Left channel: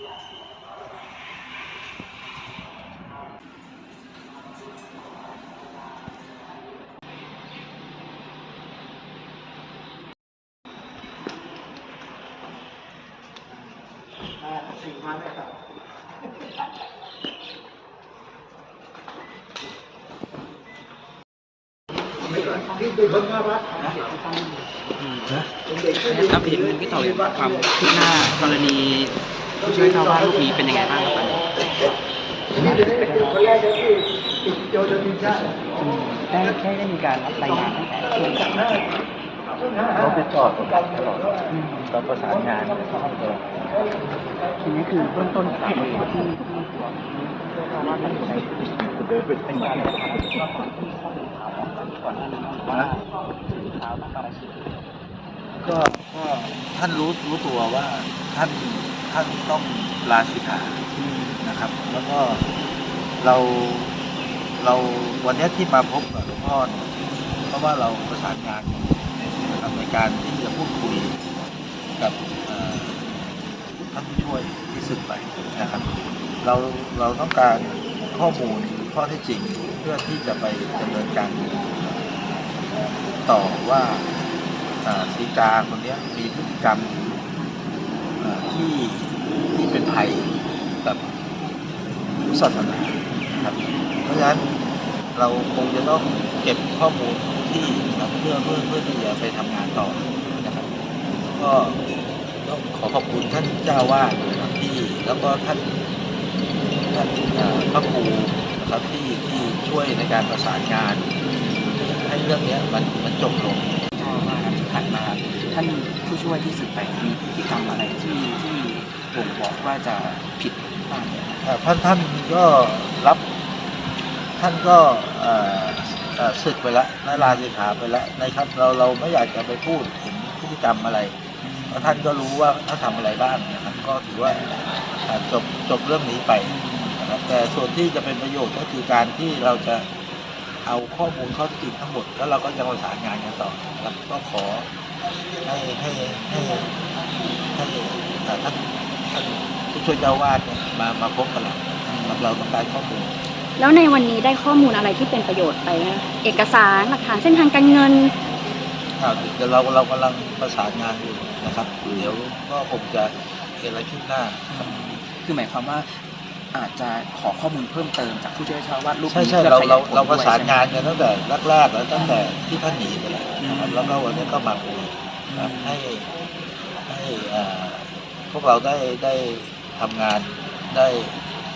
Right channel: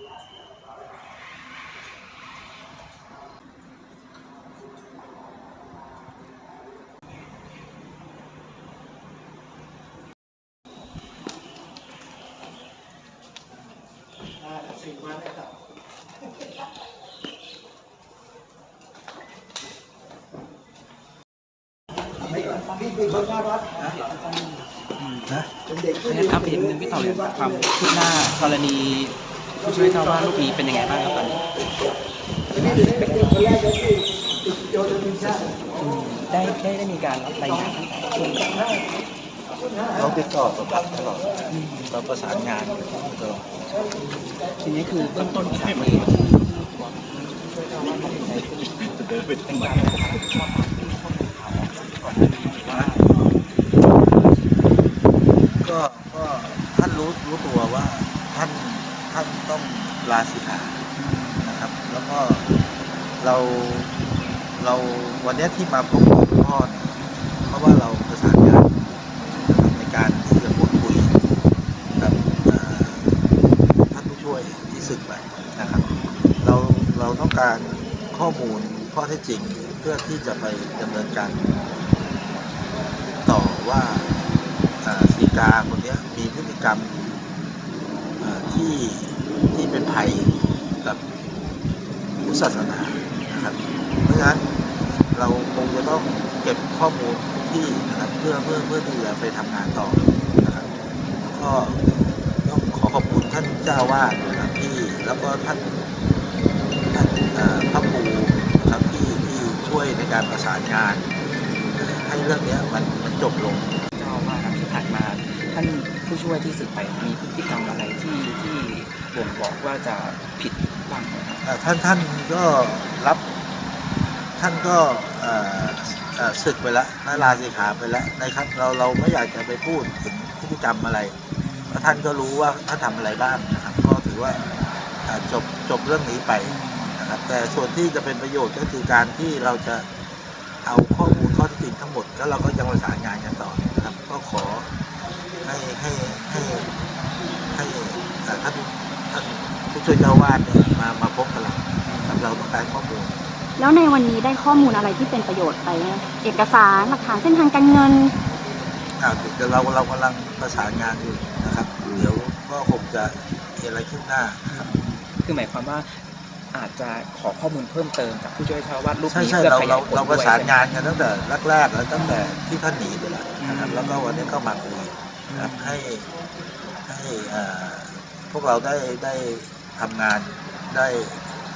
สิ่งมาไม่ต่อที่เป็นคนน่ารักนะนะเป็นเด็กที่ดีครับพี่พี่ต่อยความคืบหน้ากรณีผู้ ช่วยเจ้าอาวาสรูปนี้เป็นยังไงบ้างครับตอนนี้นี้จะได้เป็นคนแรกที่ติดโยนทีมชาติได้ได้ได้มีการรับรายงานตั้งแต่ช่วงเราติดต่อตลอดตลอดเราประสานงานตลอดทีนี้คือเบื้องต้นสาเหตุที่ที่ผู้ช่วยเจอาวาสานอยู่ในจะเดินไปเป็นทำไมแบบไหนก็ก็ท่านรู้รู้ตัวว่าท่านานต้องลาสิกขานะครับ แล้วก็เราเราวันนี้ที่มาพบกับหลวงพ่อเนี่ยเพราะว่าเราประสานงานนะครับในการที่จะพูดคุยกับเอ่อท่านผู้ช่วยที่สึกไปนะครับ เราเราต้องการข้อมูลข้อเท็จจริงเพื่อที่จะไปดำเนินการต่อว่าเอ่อสีกาคนเนี้ยมีพฤติกรรมเอ่อที่ ที่เป็นภัยกับพุทธศาสนานะครับ เพราะฉะนั้นเราคงจะต้องเก็บข้อมูลที่นะครับเพื่อเพื่อเพื่อที่จะไปทำงานต่อนะครับก็ต้องขอขอบคุณท่านเจ้าวาดนะครับที่แล้วก็ท่านท่านพระครูนะครับที่ที่ช่วยในการประสานงาน ให้เรื่องนี้มันมันจบลงเจ้าอาวาสที่ผ่านมาท่านผู้ช่วยที่สึกไปมีพฤติกรรมอะไร บ่งบอกว่าจะผิดบ้างไหมครับท่านท่านก็รับท่านก็ศึกไปแล้วนาลาสิกขาไปแล้วนะครับ เราเราไม่อยากจะไปพูดถึงพฤติกรรมอะไรเพราะท่านก็รู้ว่าท่านทำอะไรบ้างนะครับ ก็ถือว่าจบจบเรื่องนี้ไปนะครับ แต่ส่วนที่จะเป็นประโยชน์ก็คือการที่เราจะเอาข้อมูลข้อท็จจริงทั้งหมด แล้วเราก็จะประสานงานกันต่อนะครับ ก็ขอให้ให้ให้ให้ท่าน ผู้ช่วยเจ้าวาดเนี่ยมามาพบกับเรานะครับเราต้องการข้อมูลแล้วในวันนี้ได้ข้อมูลอะไรที่เป็นประโยชน์ไปไหมเอกสารหลักฐานเส้นทางการเงินอ่าเดี๋ยวเราเรากำลังประสานงานอยู่นะครับ เดี๋ยวก็คงจะมีอะไรขึ้นหน้านะครับคือหมายความว่าอาจจะขอข้อมูลเพิ่มเติมจากผู้ช่วยเจ้าอาวาสรูปใช่นี้ใช่เพื่อเราขยเรายผลเราประด้วยสานใช่ไหมงานกันตั้งแต่แรกๆแล้วตั้งแต่ที่ท่านหนีไปแล้วนะครับแล้วก็วันนี้ก็มาคุยนะครับให้ให้เอ่อ พวกเราได้ได้ทำงานได้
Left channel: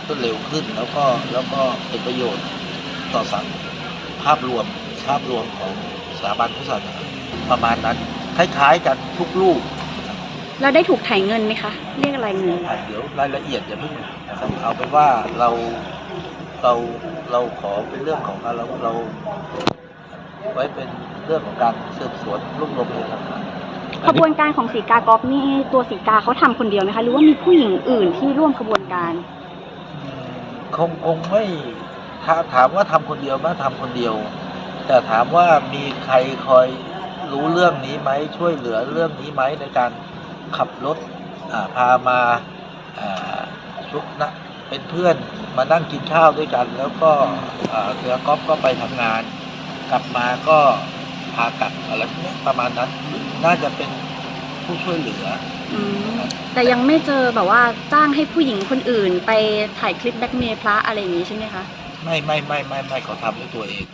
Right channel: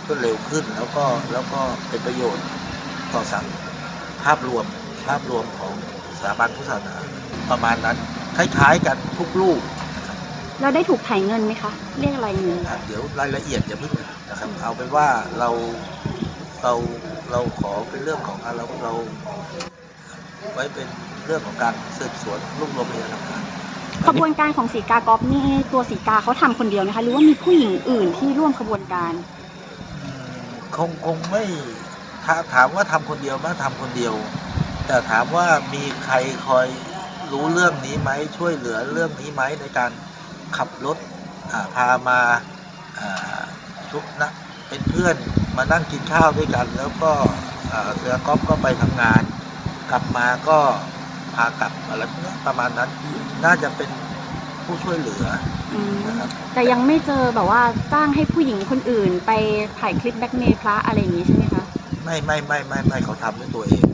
รวดเร็วขึ้น แล้วก็แล้วก็เป็นประโยชน์ต่อสังภาพรวมภาพรวมของสถาบันพุทธศาสนาประมาณนั้น คล้ายๆกันทุกลูกนะครับแล้วได้ถูกถ่ายเงินไหมคะ เรียกอะไรเงินอะเดี๋ยวรายละเอียดอย่าเพิ่งนะครับเอาเป็นว่าเราเราเราขอเป็นเรื่องของการเราเราไว้เป็นเรื่องของการสืบสวนรวบรวมพยานหลักฐาน ขบวนการของสีกากอฟนี่ตัวสีกาเขาทำคนเดียวไหมคะ หรือว่ามีผู้หญิงอื่นที่ร่วมขบวนการ คงคงไม่ถาถามว่าทำคนเดียวไหมทำคนเดียว แต่ถามว่ามีใครคอยรู้เรื่องนี้ไหมช่วยเหลือเรื่องนี้ไหมในการขับรถพามาอ่าชุกนะเป็นเพื่อนมานั่งกินข้าวด้วยกัน แล้วก็เรือก๊อฟก็ไปทำงาน กลับมาก็พากลับอะไรพวกเนี้ยประมาณนั้น น่าจะเป็นผู้ช่วยเหลืออืมนะครับแต่ยังไม่เจอแบบว่าจ้างให้ผู้หญิงคนอื่น ไปถ่ายคลิปแบ็กเมย์พระอะไรอย่างนี้ใช่ไหมคะ ไม่ไม่ไม่ไม่ไม่เขาทำด้วยตัวเอง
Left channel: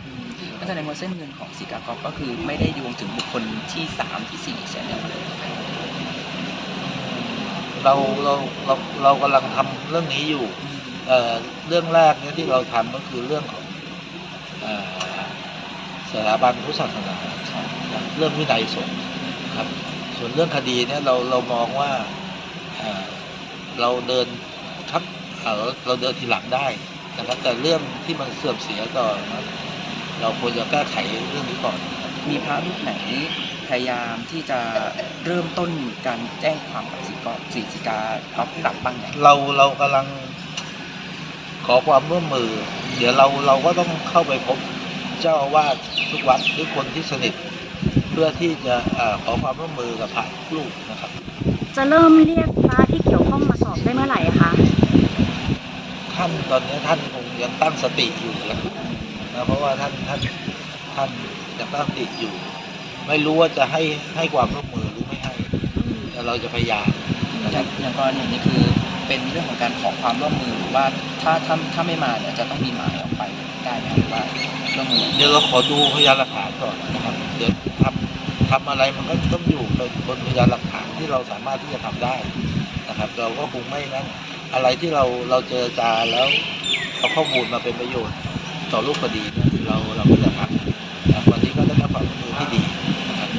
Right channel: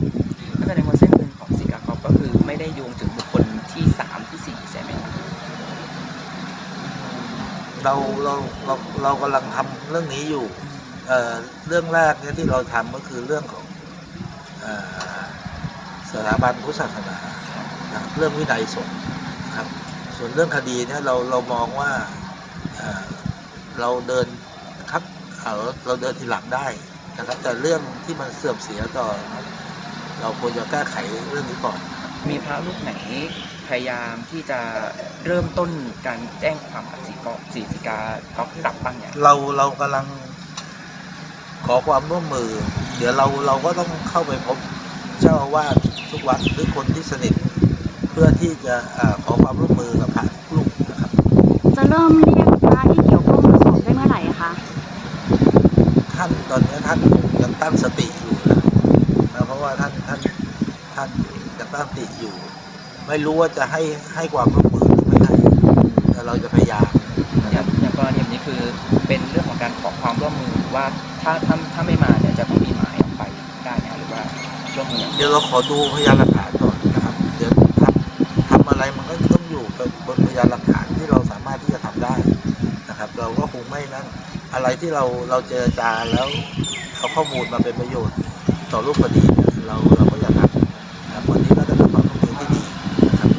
ก็แสดงว่าเส้นเงินของสีกากอฟก็คือไม่ได้โยงถึงบุคคลที่สามที่สี่ใช่ไหมครับเราเราเราเรากำลังทำเรื่องนี้อยู่ เอ่อเรื่องแรกเนี่ยที่เราทำก็คือเรื่องของเอ่อสถาบันพุทธศาสนานะเรื่องวินัยสงฆ์นะ ครับ ส่วนเรื่องคดีเนี่ยเราเรามองว่าเอ่อเราเดินครับเอ่อเราเดินทีหลังได้นะครับ แต่เรื่องที่มันเสื่อมเสียต่อเราควรจะแก้ไขเรื่องนี้ก่อน มีพระรูปไหนพยายามที่จะเริ่มต้นการแจ้งความกับสีกอสีสีกากอฟกลับบ้างเนี่ยเราเรากำลังขอความร่วมมือ เดี๋ยวเราเราก็ต้องเข้าไปพบเจ้าอาวาสทุกวัดหรือคนที่สนิทเพื่อที่จะอาขอความร่วมมือกับพระทุกรูปนะครับ จะเริ่มเรียกพระที่เกี่ยวข้องมาสอบได้เมื่อไหร่คะตอนนี้ท่านคงยังตั้งสติอยู่นะนะเพราะว่าท่านท่านท่านยังตั้งสติอยู่ ไม่รู้ว่าจะให้ให้ความร่วมมือหรือไม่ให้แต่เราจะพยายามนะอครัย่าบงอย่างกรณีนี้คือเป็นเรื่องของการขอความร่วมมือว่าถ้าถ้าถ้าไม่มาเนี่ยจะต้องมีหมายออกไปได้ไหมหรือว่าร่วมมือเดี๋ยวเราขอดูพยานหลักฐานก่อนนะครับ เดี๋ยวทำทำ อะไรมันก็ต้องอยู่บนพยานหลักฐานที่เราสามารถที่จะทำได้นะครับ เราก็คงไม่นั่นอะไรที่เราเราเจรจาแล้วเอาข้อมูลมาเป็นประโยชน์ต่อรูปคดีเนี่ยเราเราก็อย่าทำนะครับวันนี้ก็ได้รับความร่วมมือที่ดีนะครับ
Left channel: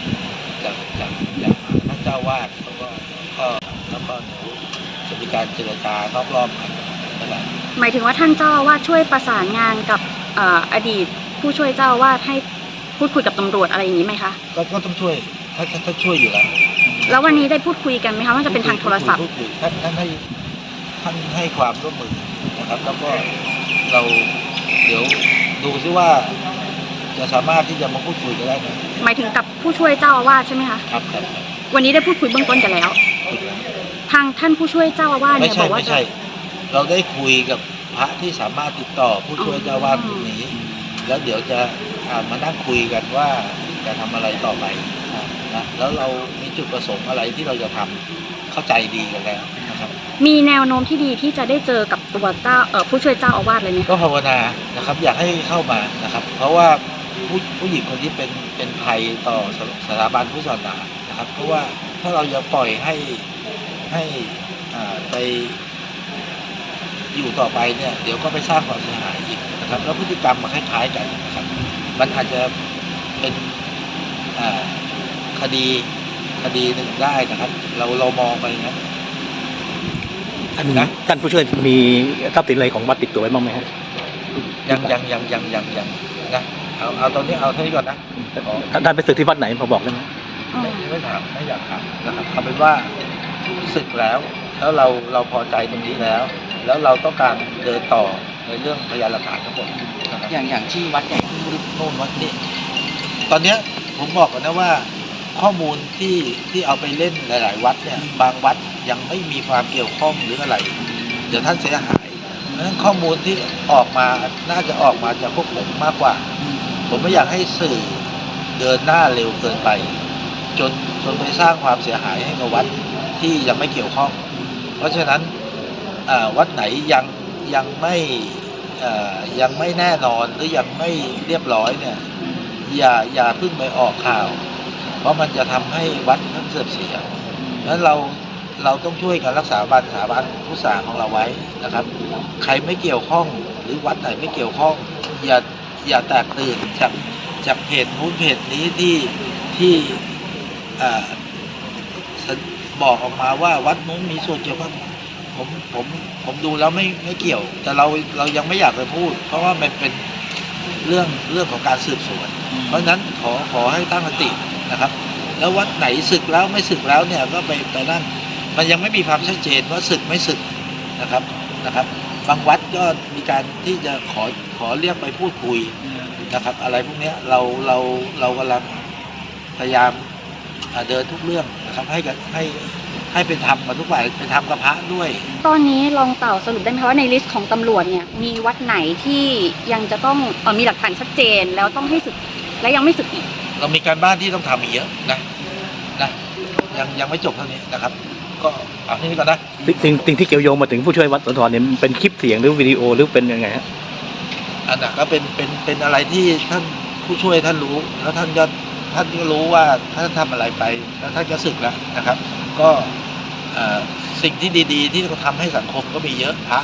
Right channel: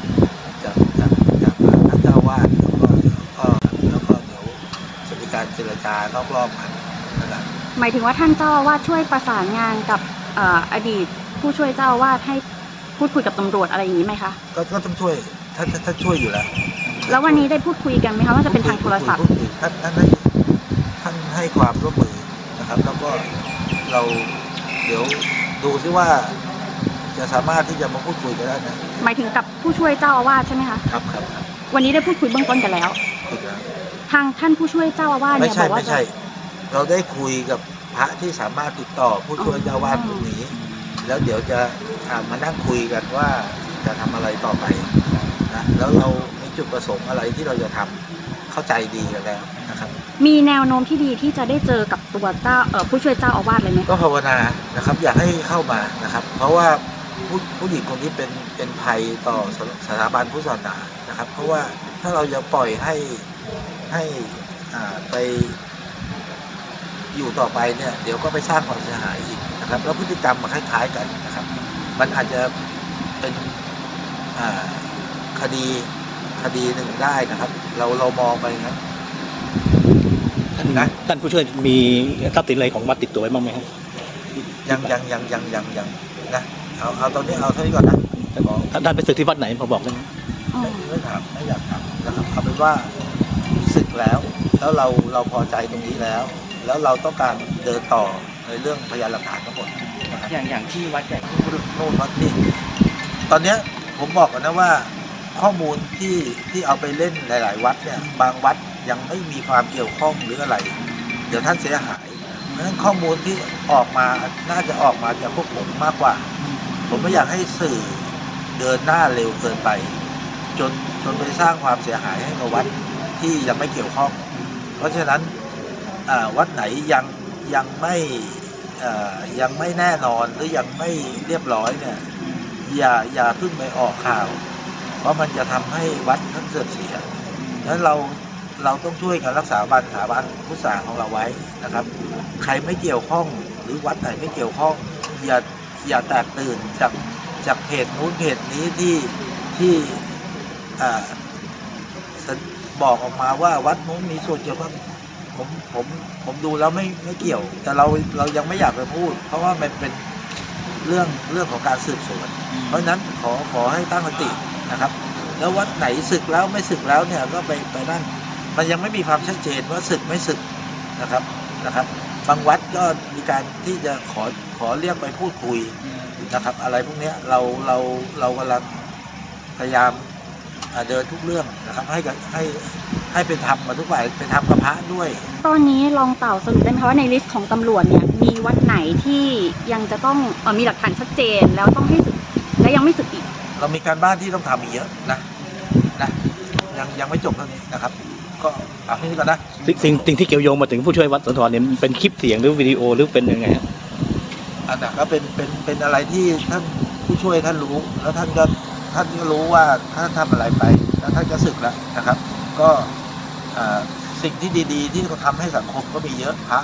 จากจากจากท่านเจ้าวาดแล้วก็ก็แล้วก็เดี๋ยวจะมีการเจรจานอกรอบกันนะครับหมายถึงว่าท่านเจ้าวาสช่วยประสานงานกับออดีตผู้ช่วยเจ้าวาสให้ พูดคุยกับตำรวจอะไรอย่างนี้ไหมคะ ก็ก็ต้องช่วยท่านท่านท่านช่วยอยู่แล้วแล้ววันนี้ได้พูดคุยกันไหมคะว่าจะเป็นทางโทรศัพท์ พูดคุยท่านท่านให้ท่านให้ความร่วมมือนะครับ แล้วก็เราเดี๋ยวดูซิว่า จะสามารถที่จะมาพูดคุยกันได้ไหมหมายถึงกับผู้ช่วยเจ้าอาวาสใช่ไหมคะ ครับครับครับวันนี้ได้พูดคุยเบื้องต้นกันแล้ว คุยกันแล้ว ทางท่านผู้ช่วยเจ้าอาวาสไม่เนี่ยใช่บอกว่าไม่ใช่ เราได้คุยกับพระที่สามารถติดต่อผู้ช่วยเจ้าวาดคนนี้ แล้วเดี๋ยวจะอ่า มานั่งคุยกันว่าจะทำอะไรต่อไปนะแล้วเรามีจุดประสงค์อะไรที่เราจะทำเข้าใจดีกันแล้วนะครับ มีแนวโน้มที่ดีที่จะได้เจอกับตัวเจ้าเอ่อผู้ช่วยเจ้าอาวาสเลยไหมก็ภาวนานะครับ อยากให้เข้ามานะครับ เพราะว่าผู้ผู้หญิงคนนี้เป็นเป็นภัยต่อสสถาบันพุทธศาสนานะครับ เพราะว่าถ้าเราจะปล่อยให้ให้อ่าไปอยู่ต่อไปเนี่ย เดี๋ยวก็ไปสร้างความเสียหายอีกนะครับ แล้วพฤติกรรมมันคล้ายๆกันนะครับ มันอาจจะเป็นอ่าคดีคดีหนึ่งได้นะครับ เราเรามองไปอย่างนั้นท่านนะท่านผู้ช่วยมีทรัพย์สินอะไรของวัดติดตัวไว้บ้างไหมฮะยังยังยังยังยังยังนะเอาเอาตอนนี้เอาเท่านี้ก่อนนะท่านท่านไปศึกที่วัดไหนพอบอกได้ไหมไม่ไม่ถามไม่อยากถามนะครับเอาเป็นว่าศึกแล้ว แล้วเราเราพอใจตรงนี้แล้ว แล้วเราต้องการเดินต่อ ในเรื่องพยานหลักฐานทั้งหมดนะครับอย่างอย่างที่วัดใหญ่โน่นวัดนี่ตอนเนี้ยผมบอกกันนะว่าข้อมูลที่ที่เอาไปเล่นหลาย ๆ วัดเนี่ย บางวัดยังไม่มีความเกี่ยวข้องหรืออะไร เดี๋ยวท่านเสียหายเพราะฉะนั้นข้อมูลที่ออกมาน่าจะออกมาจากพวกผมมากกว่า ผมไม่อยากให้สื่อเดินหน้าเร็วเกินไป จนจนไปสร้างความเสียหายให้กับวัดที่ยังไม่เกี่ยวข้อง เพราะฉะนั้นอ่าวัดไหนยัง ยังไม่ยังไม่แน่นอนหรือยังไม่เรียบร้อยเนี่ย อย่าอย่าเพิ่งไปออกข่าว เพราะมันจะทำให้วัดท่านเสื่อมเสียนั้นเราเราต้องช่วยกันรักษาบันสถาบันพุทธศาสนาของเราไว้นะครับ ใครไม่เกี่ยวข้องหรือวัดไหนไม่เกี่ยวข้องอย่าอย่าแตกตื่นจากจากเพจนู้นเพจนี้ที่ที่อบอกออกมาว่าวัดนู้นมีส่วนเกี่ยวข้อง ผมผมผมดูแล้วไม่ไม่เกี่ยว แต่เราเรายังไม่อยากไปพูด เพราะว่ามันเป็นเรื่องเรื่องของการสืบสวน เพราะฉะนั้นขอขอให้ตั้งสตินะครับ แล้ววัดไหนศึกแล้วไม่ศึกแล้วเนี่ยก็ไปไปนั่นมันยังไม่มีความชัดเจนว่าศึกไม่ศึกนะครับนะครับบางวัดก็มีการที่จะขอขอเรียกไปพูดคุยนะครับ อะไรพวกเนี้ยเราเราเรากำลังพยายามอ่าเดินทุกเรื่องนะครับ ให้กับให้ ให้เป็นธรรมกับทุกฝ่ายเป็นธรรมกับพระด้วย ตอนนี้ลองเต่าสรุปได้ไหมคะว่าในลิสต์ของตำรวจเนี่ยมีวัดไหนที่ยังจะต้องเอ่อมีหลักฐานชัดเจนแล้วต้องให้สึกและยังไม่สึกอีก เรามีการบ้านที่ต้องทำอีกเยอะนะนะยังยังไม่จบเท่านี้นะครับ ก็เอาที่นี้ก่อนนะสิ่งสิ่งสิ่งที่เกี่ยวโยงมาถึงผู้ช่วยวัดสุนทรเนี่ยเป็นคลิปเสียงหรือวิดีโอหรือเป็นยังไงฮะอันนั้นก็เป็นเป็นเป็นอะไรที่ท่านผู้ช่วยท่านรู้แล้วท่านก็ท่านก็รู้ว่าท่านทำอะไรไปแล้วท่านก็สึกแล้วนะครับ ก็เอ่อ สิ่งที่ดี ๆ ที่เขาทำให้สังคมก็มีเยอะพระ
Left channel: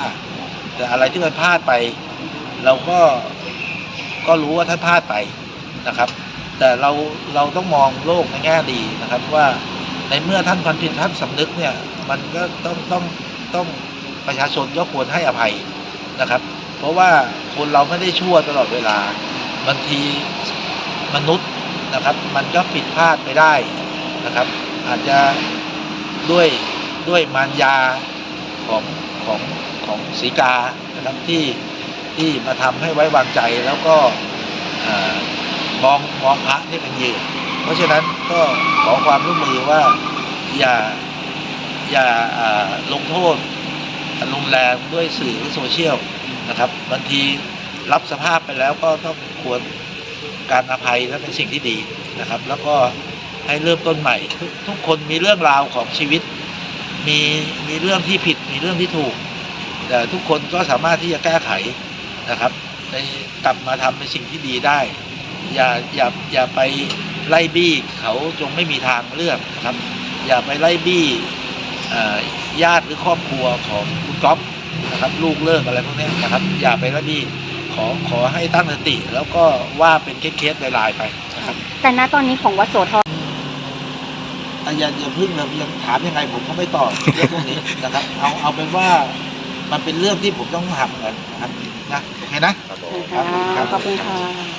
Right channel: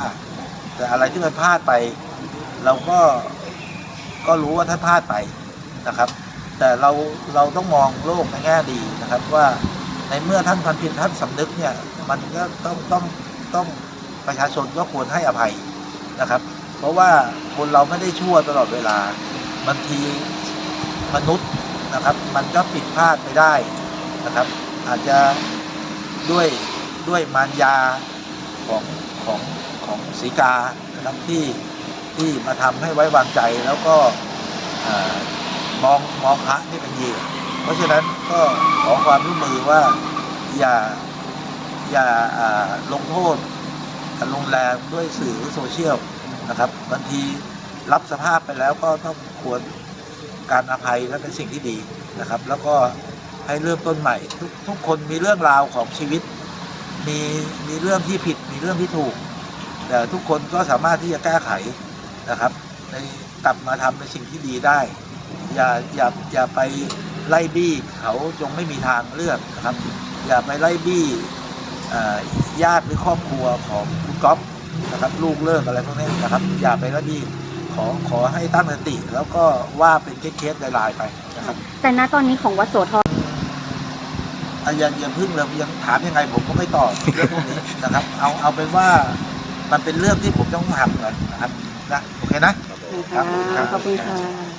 แต่อะไรที่มันพลาดไป เราก็ก็รู้ว่าท่านพลาดไปนะครับ แต่เราเราต้องมองโลกในแง่ดีนะครับ ว่าในเมื่อท่านพันผิดท่านสำนึกเนี่ย มันก็ต้องต้องต้องประชาชนก็ควรให้อภัยนะครับ เพราะว่าคนเราไม่ได้ชั่วตลอดเวลาบางทีมนุษย์นะครับ มันก็ผิดพลาดไปได้นะครับ อาจจะด้วย ด้วยมารยาของของของสีกานะครับที่ที่มาทำให้ไว้วางใจแล้วก็มองมองพระนี่เป็นเหยื่อเพราะฉะนั้นก็ขอความร่วมมือว่าอย่าอย่าลงโทษรุนแรงด้วยสื่อหรือโซเชียลนะครับบางทีรับสภาพไปแล้วก็ต้องควรการอภัยและเป็นสิ่งที่ดีนะครับ แล้วก็ให้เริ่มต้นใหม่ ทุกทุกคนมีเรื่องราวของชีวิต มีมีเรื่องที่ผิดมีเรื่องที่ถูก แต่ทุกคนก็สามารถที่จะแก้ไขนะครับในกลับมาทำในสิ่งที่ดีได้ อย่าอย่าอย่าไปไล่บี้เขาจงไม่มีทางเลือกนะครับ อย่าไปไล่บี้ญาติหรือครอบครัวของคุณก๊อฟนะครับ ลูกเลิกอะไรพวกนี้นะครับ อย่าไปไล่บี้ขอขอให้ตั้งสติ แล้วก็ว่าเป็นเคสๆรายๆไปนะครับ แต่ณตอนนี้ของวัดโสธร อะอย่าอย่าพึ่งเลยยังถามยังไงผมก็ไม่ตอบเรื่องพวกนี้นะครับ เอาเอาเป็นว่ามันเป็นเรื่องที่ผมต้องทำกันนะครับนะโอเคนะขอบคุณค่ะ